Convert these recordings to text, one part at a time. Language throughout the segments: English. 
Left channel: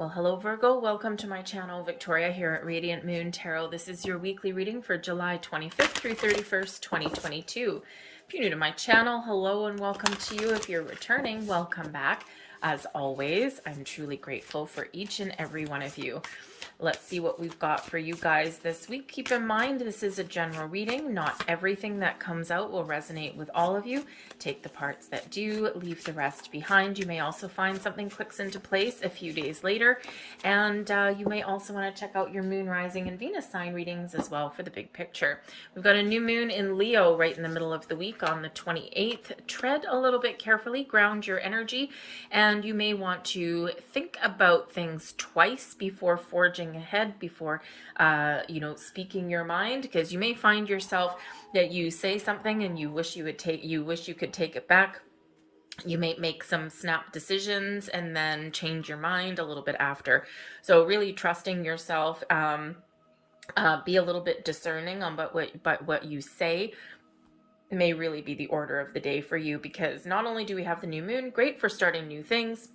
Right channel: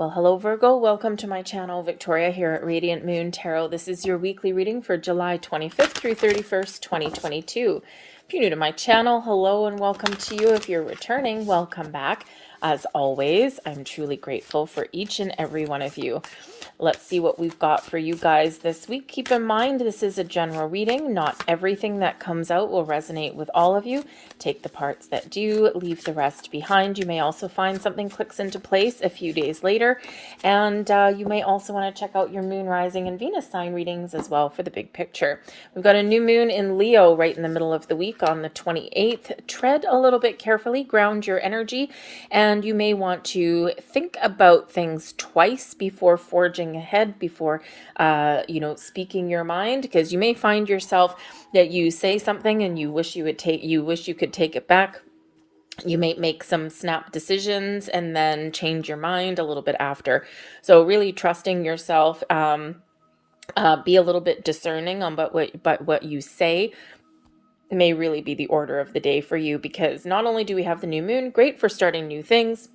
Well, hello Virgo, welcome to my channel. Victoria here at Radiant Moon Tarot. This is your weekly reading for July 25th through 31st, 2022. If you're new to my channel, hello and welcome to you. If you're returning, welcome back. As always, I'm truly grateful for each and every one of you. Let's see what we've got for you guys this week. Keep in mind, this is a general reading. Not everything that comes out will resonate with all of you. Take the parts that do, leave the rest behind. You may also find something clicks into place a few days later. And you may also want to check out your moon, rising, and Venus sign readings as well for the big picture. We've got a new moon in Leo right in the middle of the week on the 28th. Tread a little bit carefully, ground your energy, and you may want to think about things twice before forging ahead, before speaking your mind, because you may find yourself that you say something and you wish you could take it back. You may make some snap decisions and then change your mind a little bit after. So really trusting yourself, be a little bit discerning on what you say may really be the order of the day for you, because not only do we have the new moon, great for starting new things,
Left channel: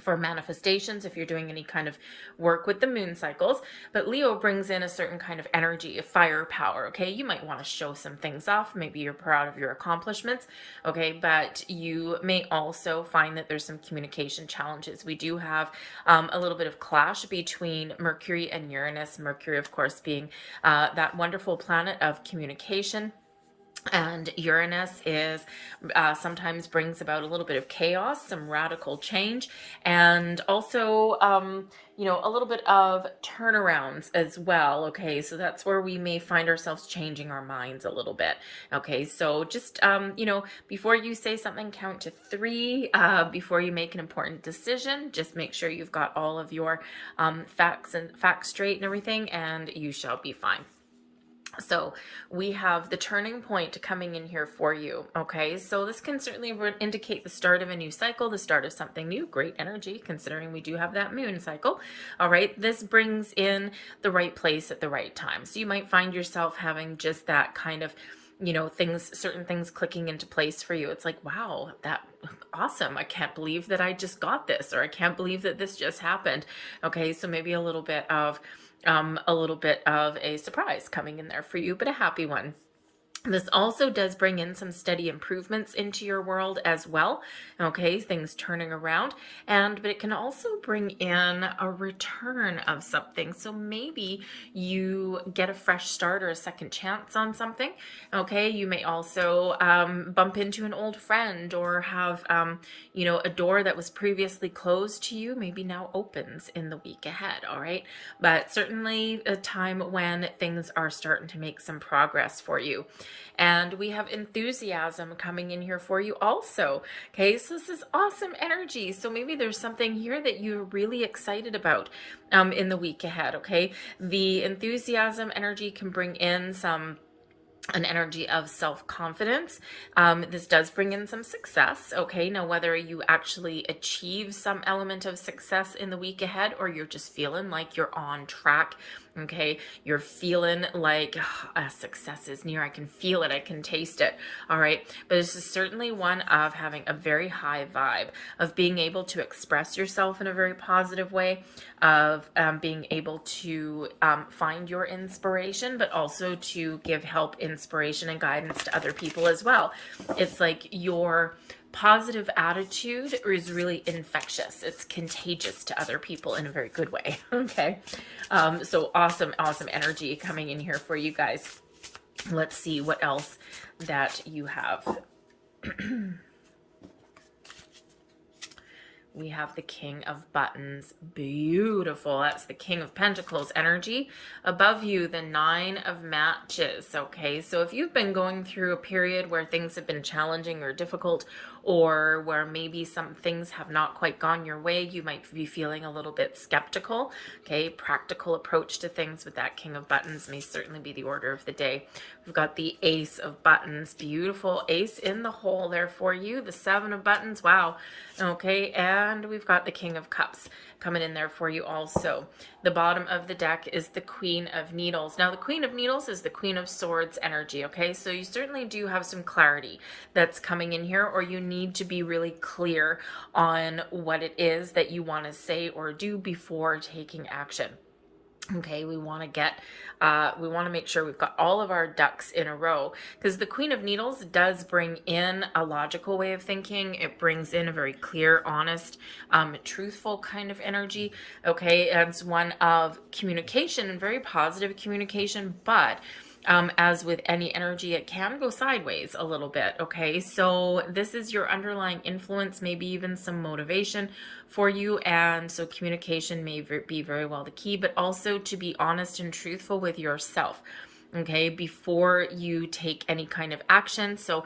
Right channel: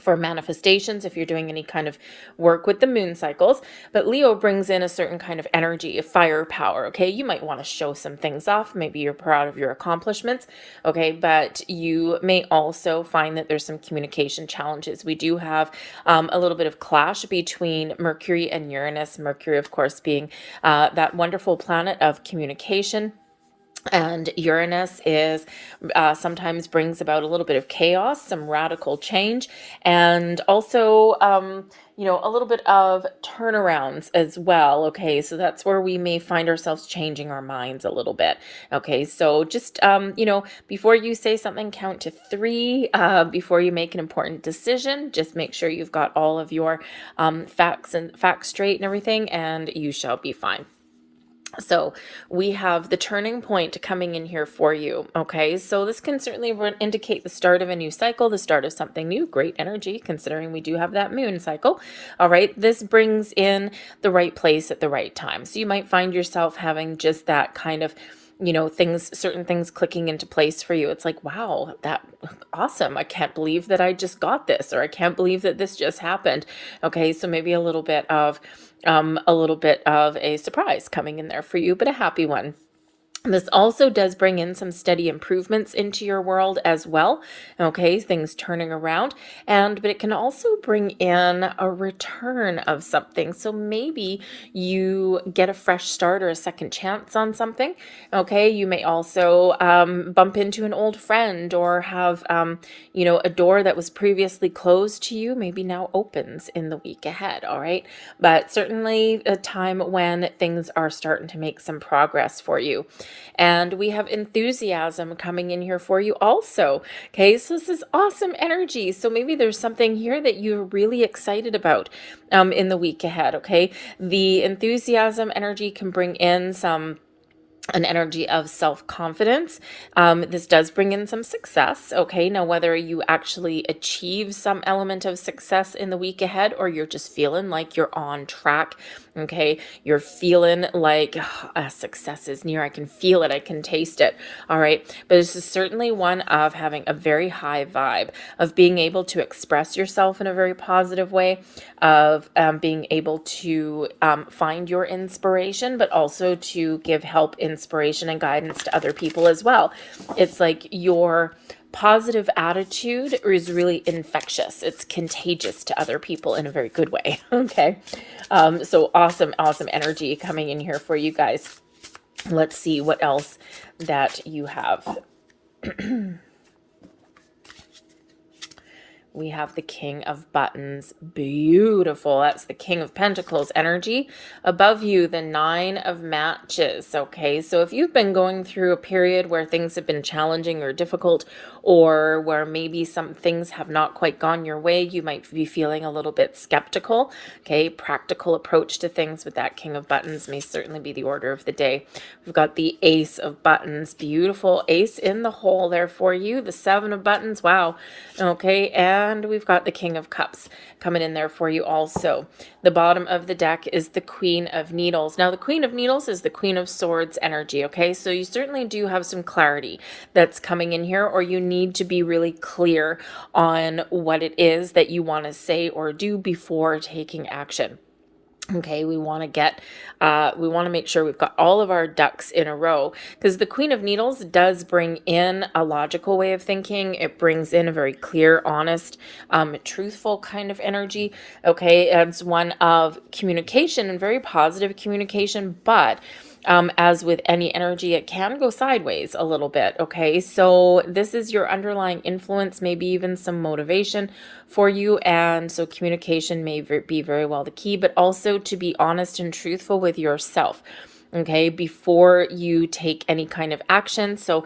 for manifestations if you're doing any kind of work with the moon cycles, but Leo brings in a certain kind of energy, of firepower. Okay, you might want to show some things off, maybe you're proud of your accomplishments, okay, but you may also find that there's some communication challenges. We do have a little bit of clash between Mercury and Uranus. Mercury, of course, being that wonderful planet of communication, and Uranus is sometimes brings about a little bit of chaos, some radical change, and also a little bit of turnarounds as well. Okay, so that's where we may find ourselves changing our minds a little bit. Okay, so just before you say something, count to three. Before you make an important decision, just make sure you've got all of your facts straight and everything, and you shall be fine. So we have the turning point coming in here for you. Okay, so this can certainly indicate the start of a new cycle, the start of something new. Great energy, considering we do have that moon cycle. All right, this brings in the right place at the right time. So you might find yourself having just that kind of certain things clicking into place for you. It's like, wow, that awesome. I can't believe that I just got this, or I can't believe that this just happened. Okay, so maybe a little bit of a surprise coming in there for you, but a happy one. This also does bring in some steady improvements into your world as well. Okay, things turning around, but it can also bring in a return of something. So maybe you get a fresh start or a second chance on something. Okay, you may also bump into an old friend, or have a door that was previously closed to you maybe now opens in the week ahead. All right, but certainly a time when things are starting to make some progress for you. And we have enthusiasm coming in here for you also. Okay, so this is awesome energy. So maybe there's something here that you're really excited about in the week ahead. Okay, the enthusiasm energy can bring in an energy of self-confidence. This does bring in some success. Okay, now whether you actually achieve some element of success in the week ahead, or you're just feeling like you're on track, okay, you're feeling like success is near, I can feel it, I can taste it. All right, but this is certainly one of having a very high vibe, of being able to express yourself in a very positive way, of being able to find your inspiration, but also to give help, inspiration, and guidance to other people as well. It's like your positive attitude is really infectious. It's contagious to other people in a very good way. Okay, so awesome energy coming in here for you guys. Let's see what else that you have. We have the King of Buttons. Beautiful. That's the King of Pentacles energy. Above you, the Nine of Matches. Okay, so if you've been going through a period where things have been challenging or difficult, or where maybe some things have not quite gone your way, you might be feeling a little bit skeptical. Okay, practical approach to things with that King of Buttons may certainly be the order of the day. We've got the Ace of Buttons. Beautiful ace in the hole there for you. The Seven of Buttons. Wow. Okay, and and we've got the King of Cups coming in there for you also. The bottom of the deck is the Queen of Needles. Now, the Queen of Needles is the Queen of Swords energy, okay? So you certainly do have some clarity that's coming in here, or you need to be really clear on what it is that you want to say or do before taking action. Okay, we want to make sure we've got all of our ducks in a row, because the Queen of Needles does bring in a logical way of thinking. It brings in a very clear, honest, truthful kind of energy. Okay, it's one of communication and very positive communication, but as with any energy, it can go sideways a little bit. Okay, so this is your underlying influence, maybe even some motivation for you. And so communication may be very well the key, but also to be honest and truthful with yourself, okay, before you take any kind of action. So,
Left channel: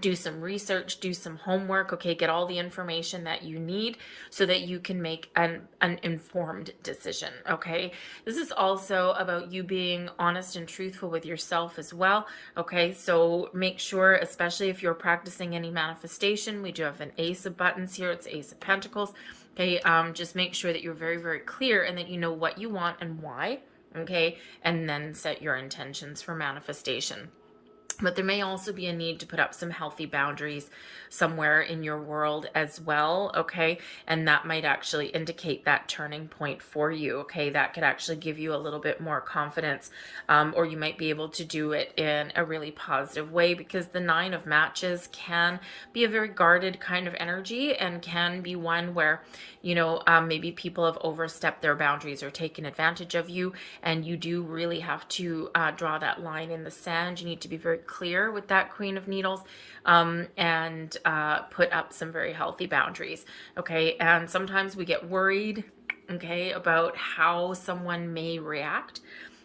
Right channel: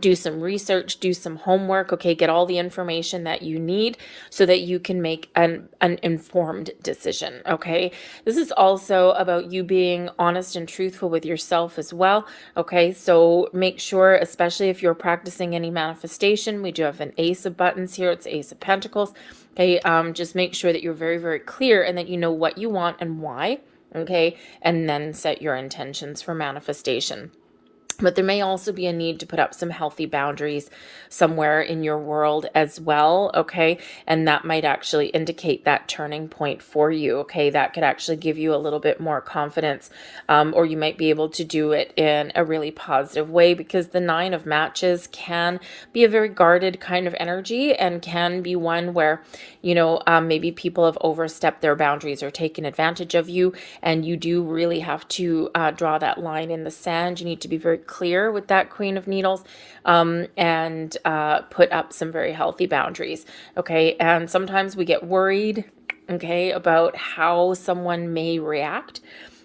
do some research, do some homework, okay, get all the information that you need so that you can make an informed decision, okay? This is also about you being honest and truthful with yourself as well, okay? So make sure, especially if you're practicing any manifestation, we do have an Ace of Buttons here, it's Ace of Pentacles, okay? Just make sure that you're very, very clear and that you know what you want and why, okay? And then set your intentions for manifestation. But there may also be a need to put up some healthy boundaries somewhere in your world as well, okay? And that might actually indicate that turning point for you, okay? That could actually give you a little bit more confidence, or you might be able to do it in a really positive way, because the Nine of Matches can be a very guarded kind of energy and can be one where, you know, maybe people have overstepped their boundaries or taken advantage of you, and you do really have to draw that line in the sand. You need to be very clear with that Queen of Needles, and put up some very healthy boundaries, okay? And sometimes we get worried, okay, about how someone may react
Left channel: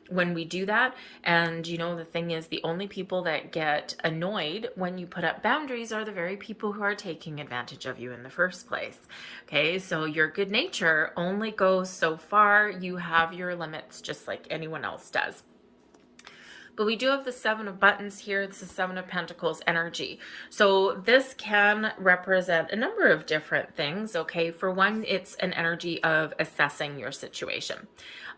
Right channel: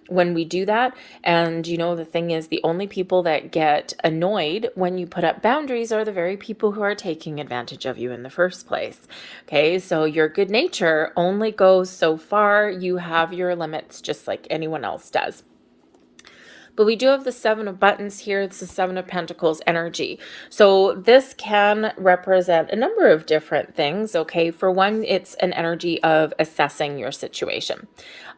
when we do that. And you know, the thing is, the only people that get annoyed when you put up boundaries are the very people who are taking advantage of you in the first place. Okay, so your good nature only goes so far. You have your limits just like anyone else does. But we do have the Seven of Buttons here. It's the Seven of Pentacles energy. So this can represent a number of different things, okay? For one, it's an energy of assessing your situation,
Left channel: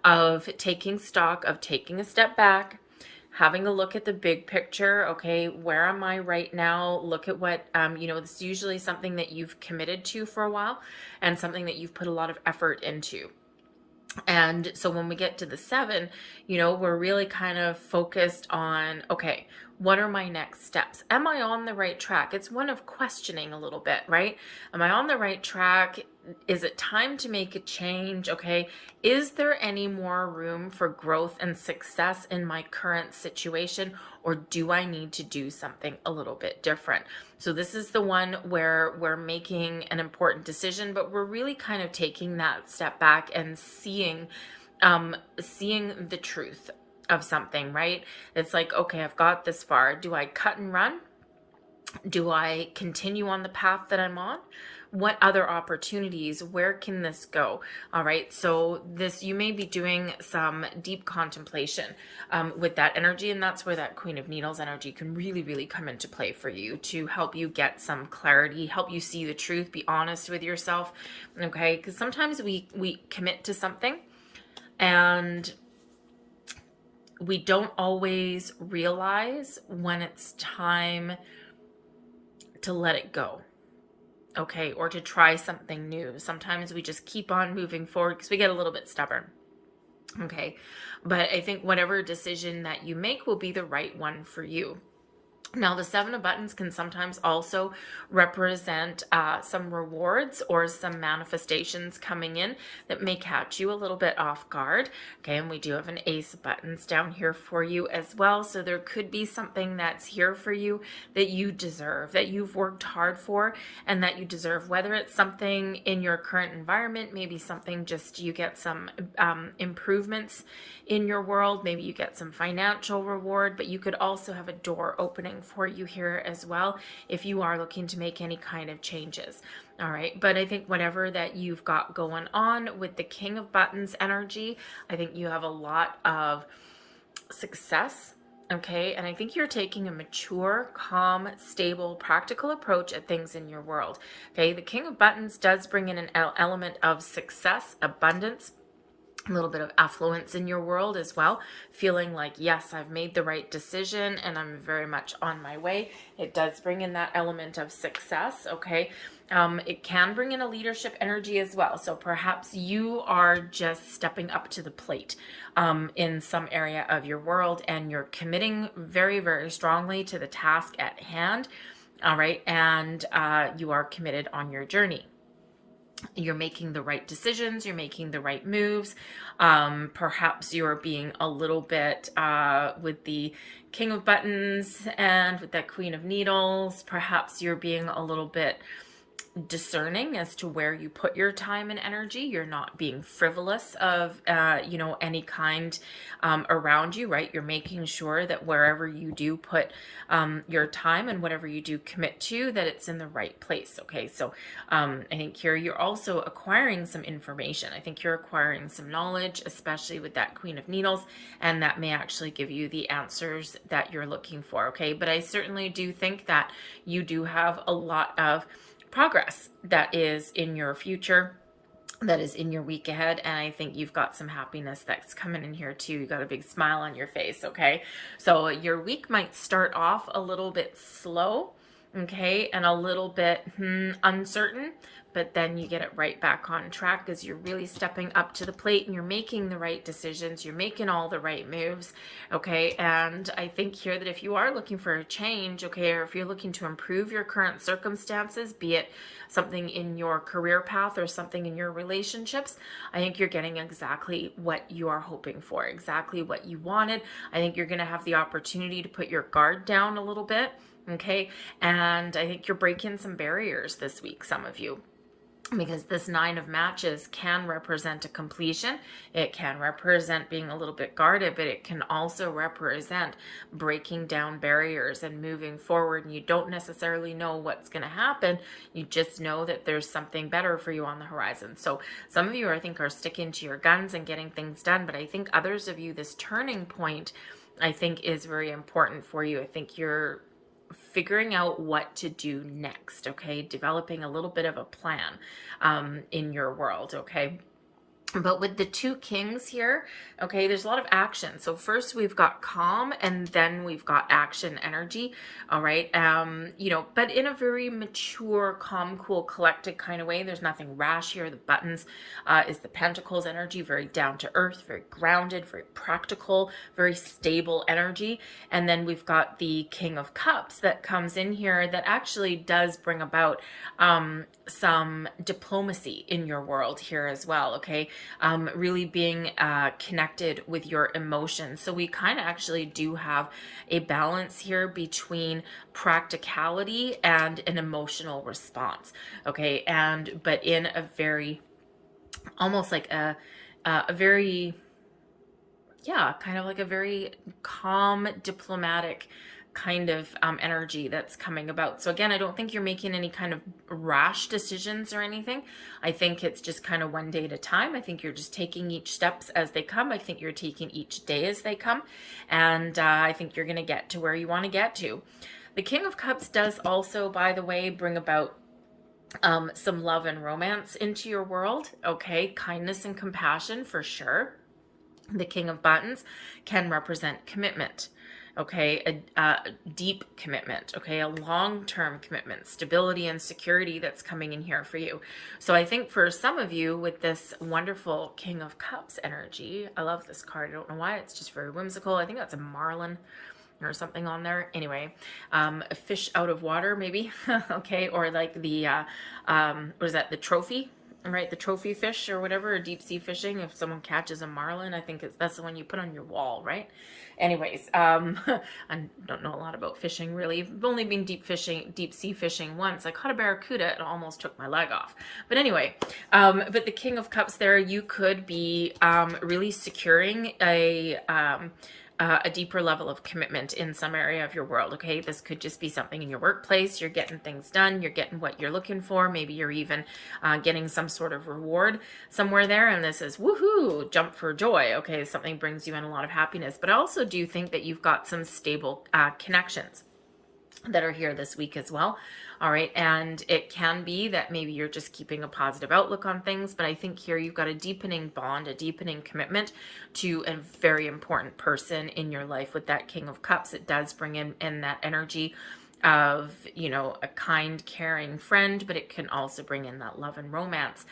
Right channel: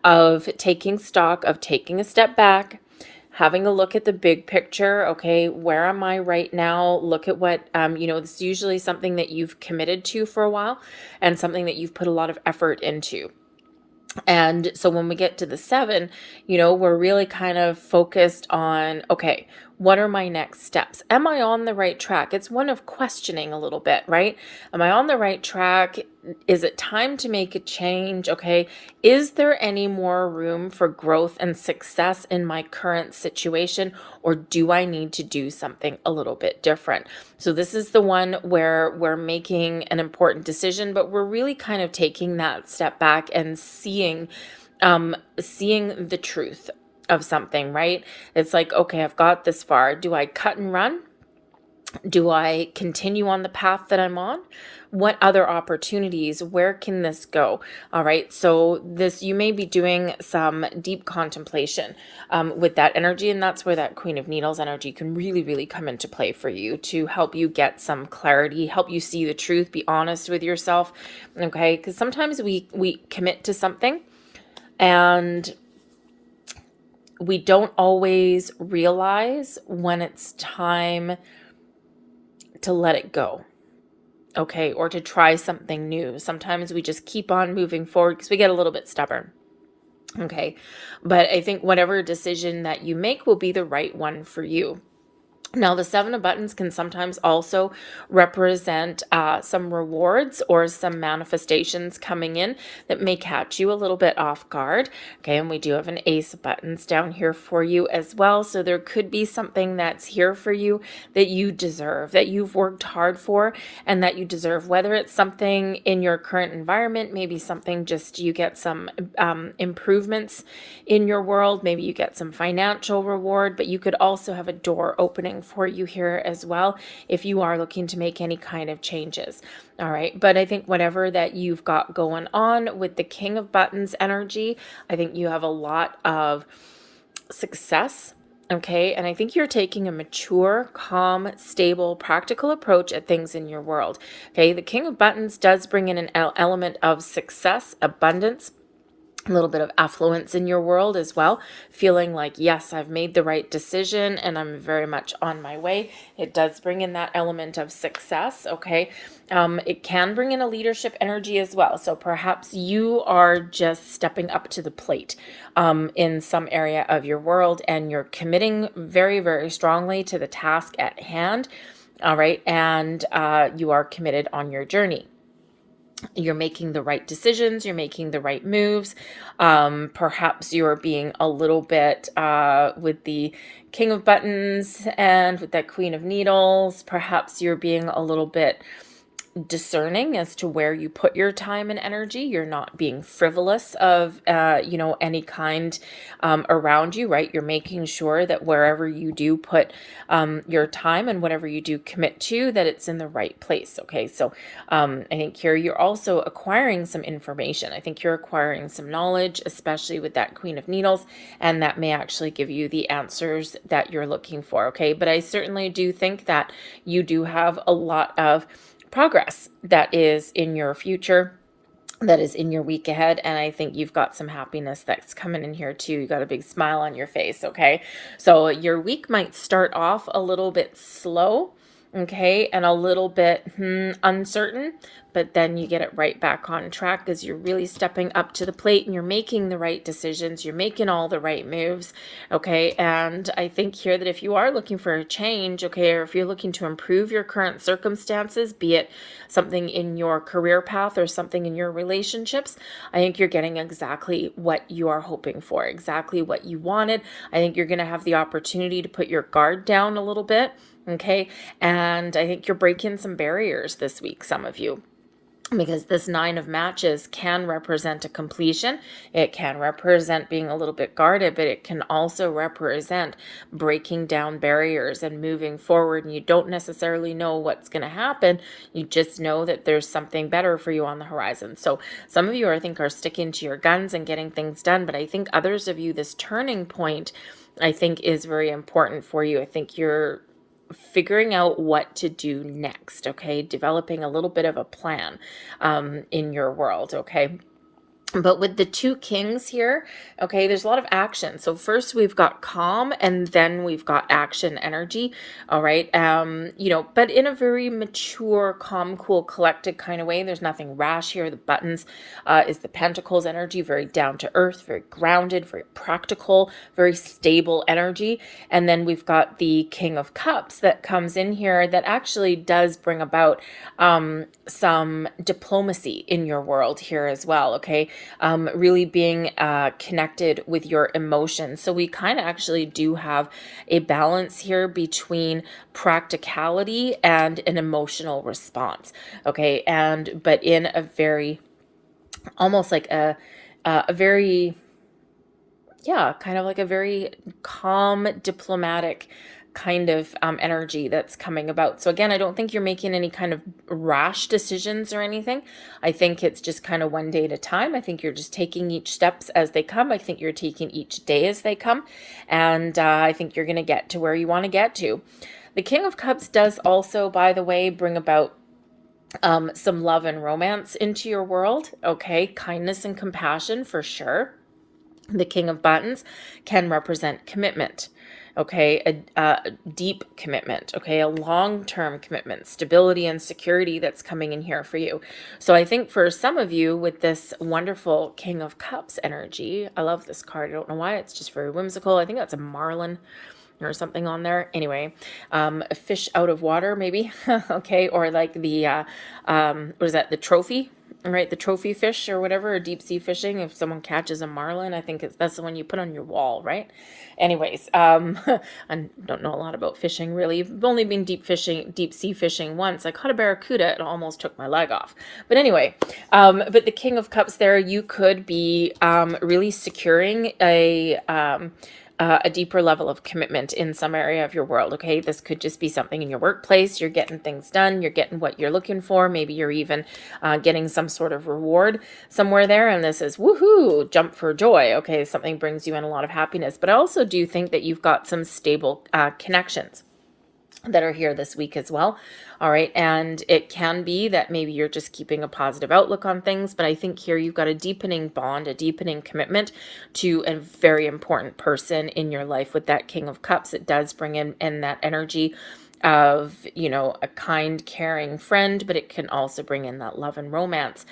of taking stock, of taking a step back, having a look at the big picture, okay? Where am I right now? Look at what, you know, this is usually something that you've committed to for a while and something that you've put a lot of effort into. And so when we get to the 7, you know, we're really kind of focused on, okay, what are my next steps? Am I on the right track? It's one of questioning a little bit, right? Am I on the right track? Is it time to make a change? Okay. Is there any more room for growth and success in my current situation? Or do I need to do something a little bit different? So this is the one where we're making an important decision, but we're really kind of taking that step back and seeing the truth of something, right? It's like, okay, I've got this far. Do I cut and run? Do I continue on the path that I'm on? What other opportunities? Where can this go? All right. So this, you may be doing some deep contemplation with that energy. And that's where that Queen of Needles energy can really, really come into play for you to help you get some clarity, help you see the truth, be honest with yourself. Okay. Because sometimes we commit to something and we don't always realize when it's time to let it go, okay, or to try something new. Sometimes we just keep on moving forward because we get a little bit stubborn, okay? But I think whatever decision that you make will be the right one for you. Now, the Seven of Buttons can sometimes also represent some rewards or some manifestations coming in that may catch you a little bit off guard. Okay, and we do have an Ace of Buttons down here for you as well. So there could be something that's here for you that you deserve, that you've worked hard for, and that you deserve, whether it's something in your current environment, maybe something just you get some improvements in your world, maybe you get some financial reward, but you could also have a door opening for you here as well if you are looking to make any kind of changes. All right, but I think whatever that you've got going on with the King of Buttons energy, I think you have a lot of success Okay, and I think you're taking a mature, calm, stable, practical approach at things in your world. Okay, the King of Buttons does bring in an element of success, abundance, a little bit of affluence in your world as well, feeling like, yes, I've made the right decision and I'm very much on my way. It does bring in that element of success. Okay. It can bring in a leadership energy as well. So perhaps you are just stepping up to the plate in some area of your world, and you're committing very, very strongly to the task at hand. All right. And you are committed on your journey. You're making the right decisions, you're making the right moves. Perhaps you're being a little bit with the King of Buttons and with that Queen of Needles, perhaps you're being a little bit discerning as to where you put your time and energy. You're not being frivolous of, any kind around you, right? You're making sure that wherever you do put your time and whatever you do commit to, that it's in the right place. Okay. So I think here you're also acquiring some information. I think you're acquiring some knowledge, especially with that Queen of Needles, and that may actually give you the answers that you're looking for. Okay. But I certainly do think that you do have a lot of progress that is in your future, that is in your week ahead. And I think you've got some happiness that's coming in here too. You got a big smile on your face. Okay. So your week might start off a little bit slow. Okay. And a little bit uncertain, but then you get it right back on track because you're really stepping up to the plate and you're making the right decisions. You're making all the right moves. Okay. And I think here that if you are looking for a change, okay, or if you're looking to improve your current circumstances, be it something in your career path or something in your relationships, I think you're getting exactly what you are hoping for, exactly what you wanted. I think you're going to have the opportunity to put your guard down a little bit. Okay. And I think you're breaking some barriers this week, some of you, because this Nine of Matches can represent a completion. It can represent being a little bit guarded, but it can also represent breaking down barriers and moving forward. And you don't necessarily know what's going to happen. You just know that there's something better for you on the horizon. So some of you, I think, are sticking to your guns and getting things done. But I think others of you, this turning point, I think, is very important for you. I think you're figuring out what to do next. Okay. Developing a little bit of a plan in your world. Okay. But with the two kings here, okay, there's a lot of action. So first we've got calm, and then we've got action energy. All right. But in a very mature, calm, cool, collected kind of way. There's nothing rash here. The buttons is the Pentacles energy, very down to earth, very grounded, very practical, very stable energy. And then we've got the King of Cups that comes in here that actually does bring about some diplomacy in your world here as well. Okay. Really being connected with your emotions. So we kind of actually do have a balance here between practicality and an emotional response. Okay. But in a very, almost like a very, kind of like a very calm, diplomatic kind of energy that's coming about. So again, I don't think you're making any kind of rash decisions or anything. I think it's just kind of one day at a time. I think you're just taking each steps as they come. I think you're taking each day as they come. And I think you're going to get to where you want to get to. The King of Cups does also, by the way, bring about some love and romance into your world. Okay. Kindness and compassion for sure. The King of Buttons can represent commitment. Okay, a deep commitment, okay, a long-term commitment, stability and security that's coming in here for you. So I think for some of you with this wonderful King of Cups energy, I love this card. I don't know why, it's just very whimsical. I think that's a marlin or something on there. Anyway, a fish out of water maybe, okay, or like the, what is that, the trophy? Right, the trophy fish or whatever, or deep sea fishing. If someone catches a marlin, I think that's the one you put on your wall, right? Anyways, I don't know a lot about fishing really. I've only been deep sea fishing once. I caught a barracuda and almost took my leg off. But anyway, but the King of Cups there, you could be really securing a a deeper level of commitment in some area of your world. Okay, this could just be something in your workplace. You're getting things done, you're getting what you're looking for. Maybe you're even getting some sort of reward somewhere there, and this is woohoo, jump for joy. Okay, something brings you in a lot of happiness. But I also do think that you've got some stable connections that are here this week as well. All right. And it can be that maybe you're just keeping a positive outlook on things. But I think here you've got a deepening bond, a deepening commitment to a very important person in your life with that King of Cups. It does bring in that energy of, you know, a kind, caring friend, but it can also bring in that love and romance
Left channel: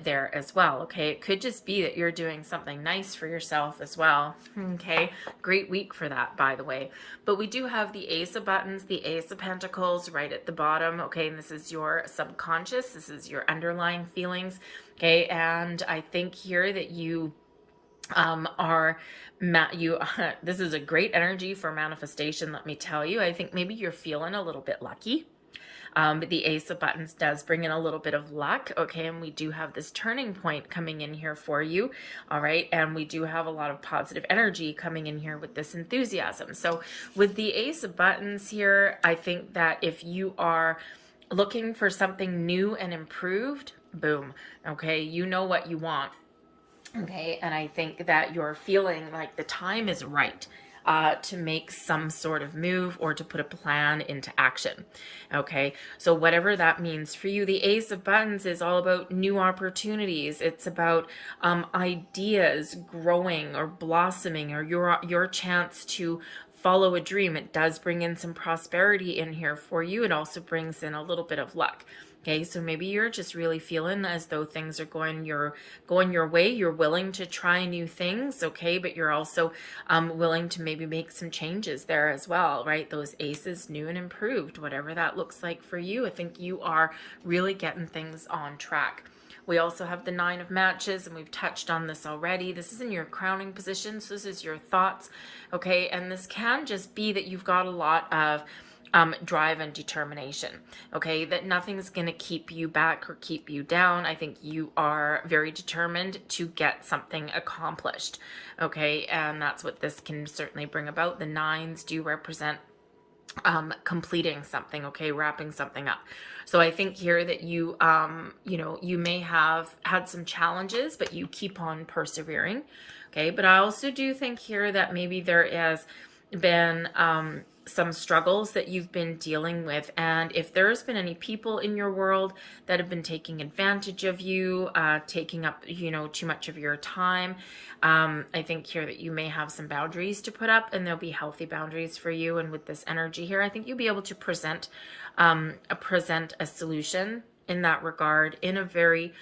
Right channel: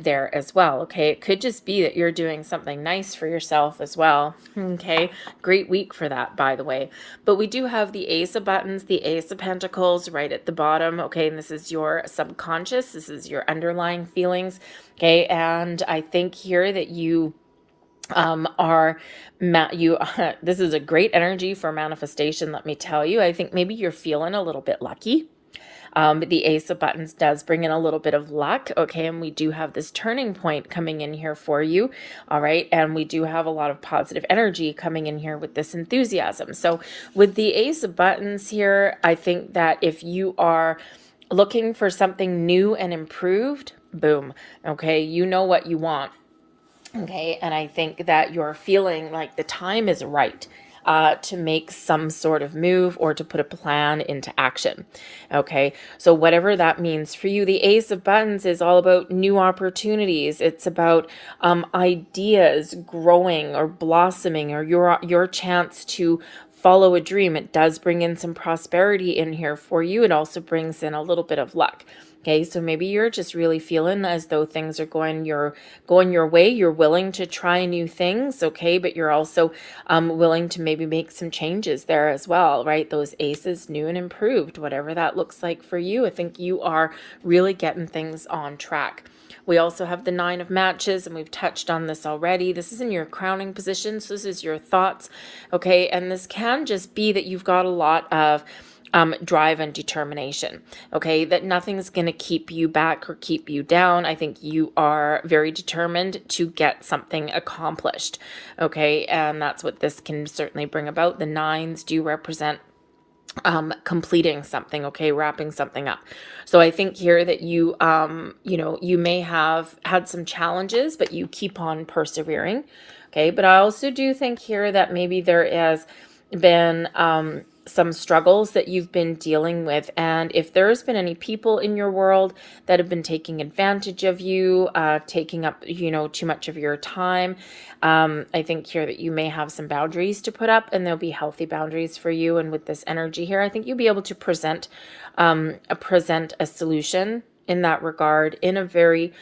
there as well. Okay, it could just be that you're doing something nice for yourself as well. Okay, great week for that, by the way. But we do have the Ace of Buttons, the Ace of Pentacles right at the bottom. Okay, and this is your subconscious, this is your underlying feelings. Okay, and I think here that you this is a great energy for manifestation, let me tell you. I think maybe you're feeling a little bit lucky. The Ace of Buttons does bring in a little bit of luck. Okay, and we do have this turning point coming in here for you. All right, and we do have a lot of positive energy coming in here with this enthusiasm. So with the Ace of Buttons here, I think that if you are looking for something new and improved, boom. Okay, you know what you want. Okay, and I think that you're feeling like the time is right to make some sort of move or to put a plan into action. Okay, so whatever that means for you, the Ace of Buttons is all about new opportunities. It's about ideas growing or blossoming, or your chance to follow a dream. It does bring in some prosperity in here for you. It also brings in a little bit of luck. Okay, so maybe you're just really feeling as though things are going your way. You're willing to try new things, okay, but you're also willing to maybe make some changes there as well, right? Those aces, new and improved, whatever that looks like for you. I think you are really getting things on track. We also have the Nine of Matches, and we've touched on this already. This is in your crowning position, so this is your thoughts, okay? And this can just be that you've got a lot of drive and determination, okay, that nothing's going to keep you back or keep you down. I think you are very determined to get something accomplished, okay, and that's what this can certainly bring about. The nines do represent completing something, okay, wrapping something up. So I think here that you you know, you may have had some challenges, but you keep on persevering, okay. But I also do think here that maybe there has been some struggles that you've been dealing with, and if there's been any people in your world that have been taking advantage of you, taking up, you know, too much of your time, I think here that you may have some boundaries to put up, and there'll be healthy boundaries for you. And with this energy here, I think you'll be able to present a solution in that regard in a very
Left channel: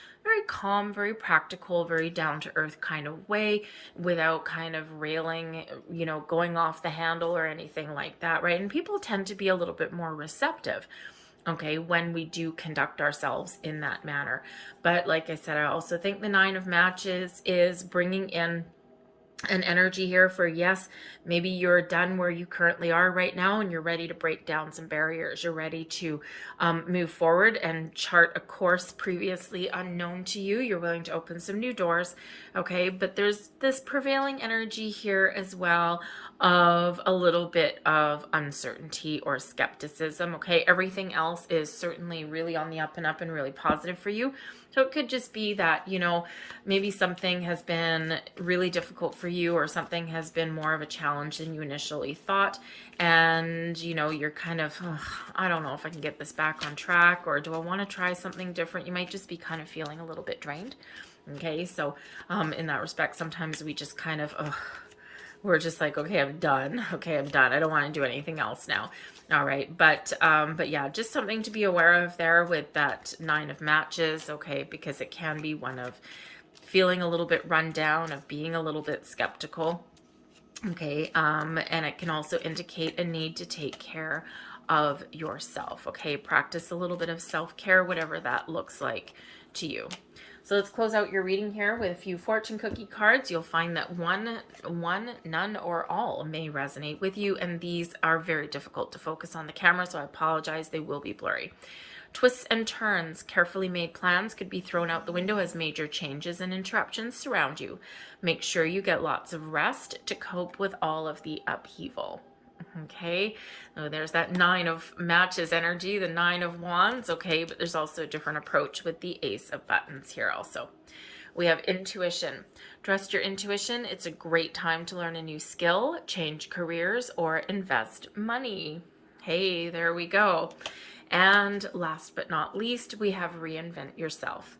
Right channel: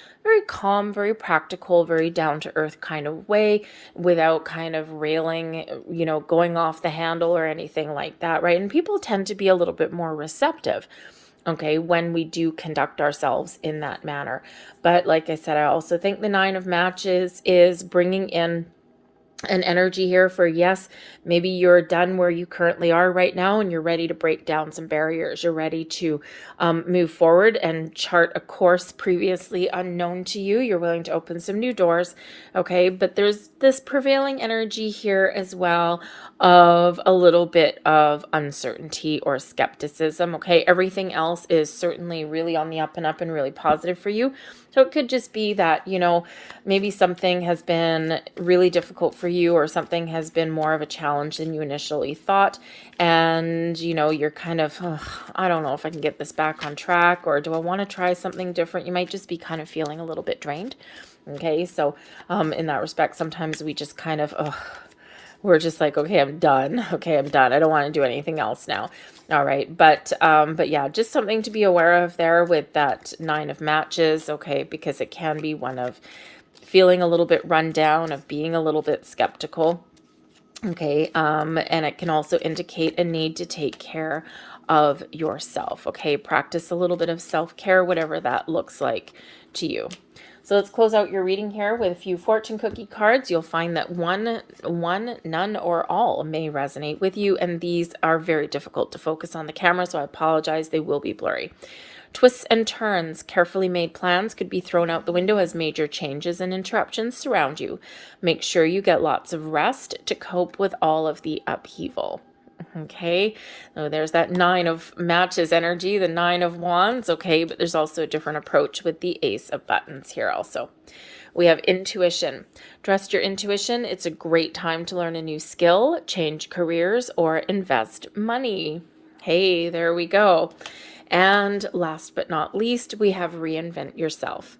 calm, very practical, very down-to-earth kind of way, without kind of railing, you know, going off the handle or anything like that, right? And people tend to be a little bit more receptive, okay, when we do conduct ourselves in that manner. But like I said, I also think the Nine of Matches is bringing in an energy here for, yes, maybe you're done where you currently are right now, and you're ready to break down some barriers. You're ready to move forward and chart a course previously unknown to you. You're willing to open some new doors, okay? But there's this prevailing energy here as well of a little bit of uncertainty or skepticism, okay? Everything else is certainly really on the up and up and really positive for you. So it could just be that, you know, maybe something has been really difficult for you, or something has been more of a challenge than you initially thought. And, you know, you're kind of, oh, I don't know if I can get this back on track, or do I want to try something different? You might just be kind of feeling a little bit drained. Okay, so in that respect, sometimes we just kind of, we're just like, okay, I'm done. Okay, I'm done. I don't want to do anything else now. All right. But yeah, just something to be aware of there with that Nine of Matches. Okay, because it can be one of feeling a little bit run down, of being a little bit skeptical. Okay. And it can also indicate a need to take care of yourself. Okay. Practice a little bit of self-care, whatever that looks like to you. So let's close out your reading here with a few fortune cookie cards. You'll find that one, none, or all may resonate with you, and these are very difficult to focus on the camera, so I apologize. They will be blurry. Twists and turns. Carefully made plans could be thrown out the window as major changes and interruptions surround you. Make sure you get lots of rest to cope with all of the upheaval. Okay, so there's that Nine of Matches energy, the Nine of Wands. Okay, but there's also a different approach with the Ace of Buttons here also. We have intuition. Trust your intuition. It's a great time to learn a new skill, change careers, or invest money. Hey, there we go. And last but not least, we have reinvent yourself.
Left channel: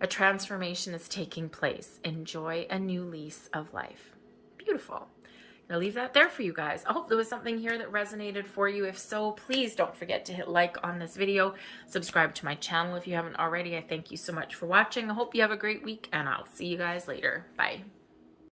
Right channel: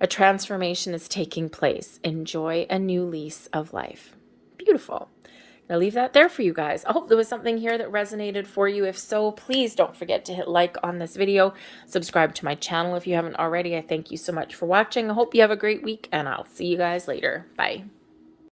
A transformation is taking place. Enjoy a new lease of life. Beautiful. I'll leave that there for you guys. I hope there was something here that resonated for you. If so, please don't forget to hit like on this video. Subscribe to my channel if you haven't already. I thank you so much for watching. I hope you have a great week, and I'll see you guys later. Bye.